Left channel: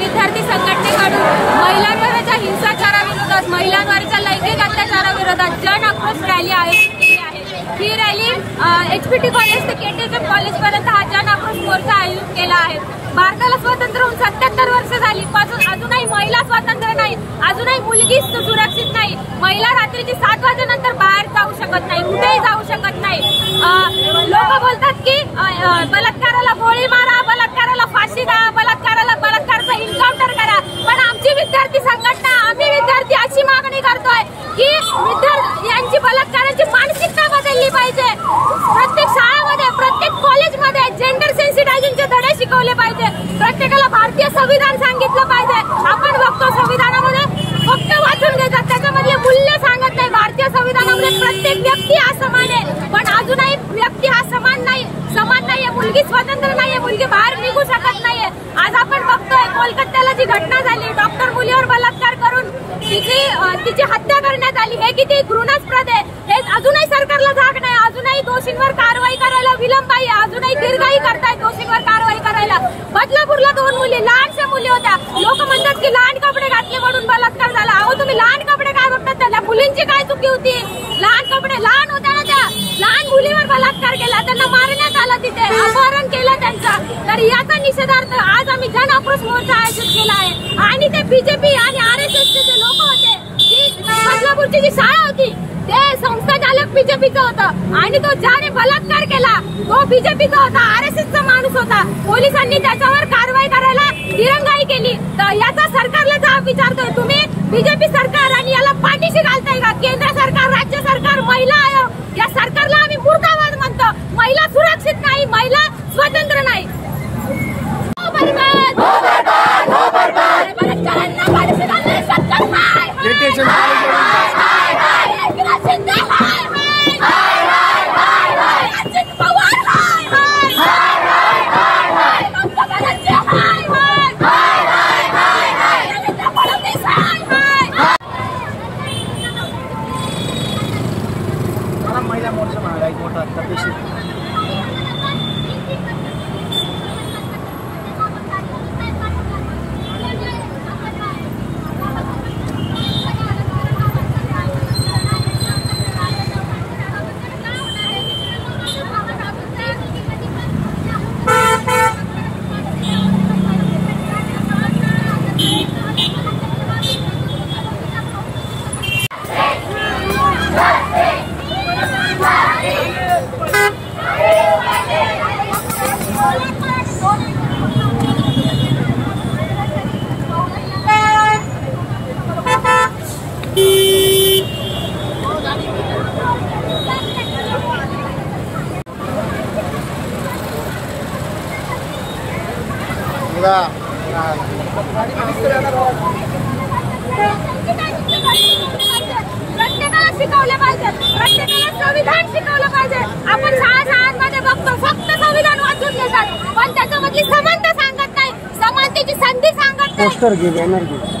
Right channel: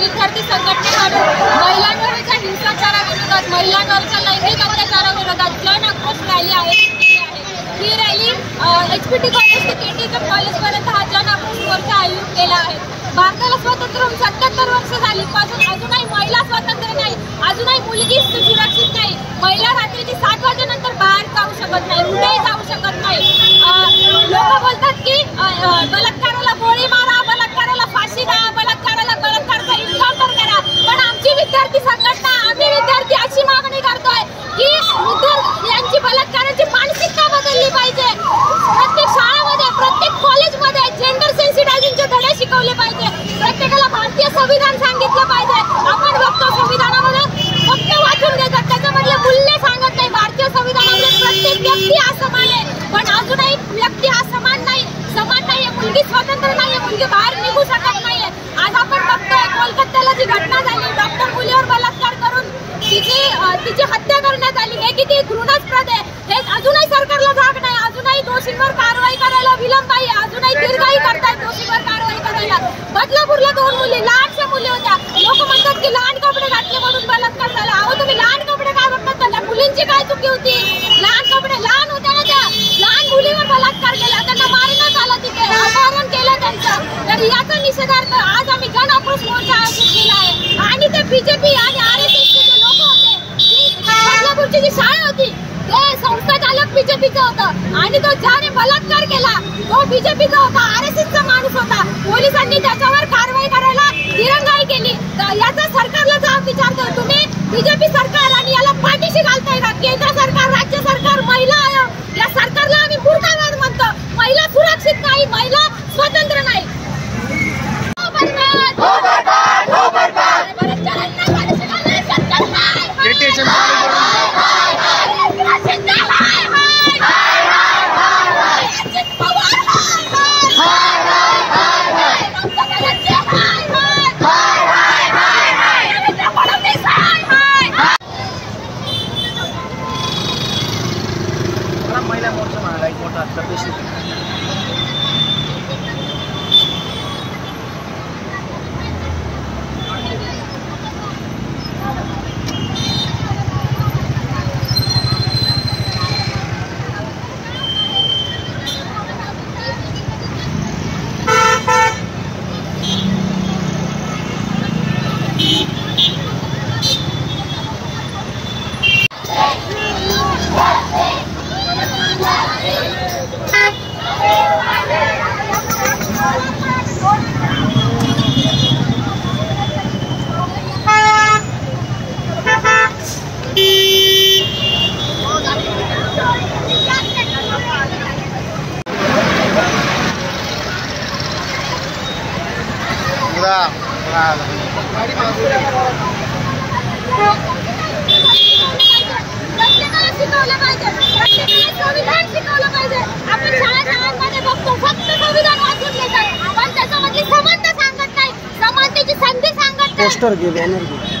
विद्यार्थी संघटनेकडून महिलांवरच्या हिंसाचाराविरोधात, महिलांवरच्या लैंगिक अत्याचाराविरोधात जन आक्रोश रॅली केली आहे। ही रॅली HPT कॉलेज ते KTHM कॉलेजपर्यंत हा जन आक्रोश मोर्चा आयोजित केला आहे। भारताला स्वातंत्र्य होऊन 77 वर्ष झाली, पण अजूनही महिला स्वातंत्र्य नाही, अजूनही मुलगी सुरक्षित नाही। महिला रात्रीची 7 वाजेनंतर बाहेर जाऊ शकत नाही, कुठेही जाऊ शकत नाही। लोक बोलतात की बलात्काराला गोळी मारा, बलात्काराला फाशी द्या, बलात्काराचा एन्काउंटर करा, पण आमची विद्यार्थी संघटना, आम्ही विद्यार्थी अशी मागणी करतोय की यांची बलात्काराची मानसिकता बदलली पाहिजे। प्रत्येक शाळेमध्ये, प्रत्येक कॉलेजमध्ये जेंडर सेन्सिटायझेशनचे धडे शिकवले पाहिजे। प्रत्येकाला भारतीय संविधान सांगितलं पाहिजे। आपण बघतो संविधानामध्ये फक्त वाचून घेतात, त्याच्यामधले मूल्य सांगत नाही। भारतीय संविधानामध्ये प्रत्येक व्यक्ती हा समान आहे, पण अजूनही व्यक्ती हा समान नाहीये। मुलगी स्वतंत्र नाहीये, मुलगी बाहेर निघू शकत नाहीये। आज आपण बघतोय कोलकात्याला जी घटना झाली, डॉक्टर मुलीवर बलात्कार करून तिची हत्या करण्यात आली, हे किती घृणास्पद आहे। हे अजूनही सरकारला जाग नाही, अजूनही दोषींवर कारवाई करायला विलंब आहे, अजूनही दीर्घाई करतायत दोषींवर कारवाई करायला। बदलापूरला 2 मुली, लहानशा मुली होत्या, लोक म्हणतात की लहान कपडे घातले म्हणून बलात्कार झाला। अहो तुम्ही लहान कपडे काय बघतात? त्या मुलींची काय चुकी होती? लहान कपडे, लहान होत्या ना त्या, लहान मुलीवर बलात्कार केला, त्यांना मारण्यात आलं, तिथे अपहरण केलं त्यांचं। तर याचा निषेधार्थ आज आम्ही जन आक्रोश मोर्चा आयोजित केला आहे। आणि ते BJP आणि RSSचे जे लोक होते, बदलापूरची जी शाळा होती, ते संस्था चालक BJPचं होतं, आणि तो ज्याने बलात्कार केला तो BJPचा होता, RSSचा माणूस होता। पोलिसांनी त्याच्यावर कारवाई करायला दिरंगाई केली। तर याचा सरकारला जाब विचारतोय, तुम्ही BJP सरकार आणि याला पाठीशी घालताय का? केंद्र सरकार, राज्य सरकार, महिला आयोग, या सरकारला आम्ही मुर्दाबाद म्हणतो। महिला सुरक्षित नाही, महिला स्वतंत्र नाही। शिकवलं पाहिजे, प्रत्येकाला संविधान शिकवलं पाहिजे। आपण शाळांमध्ये बघतो फक्त संविधान वाचून घेतात, पण त्याच्यामधली समानता सांगत नाही, समानतेची संधी सांगत नाही।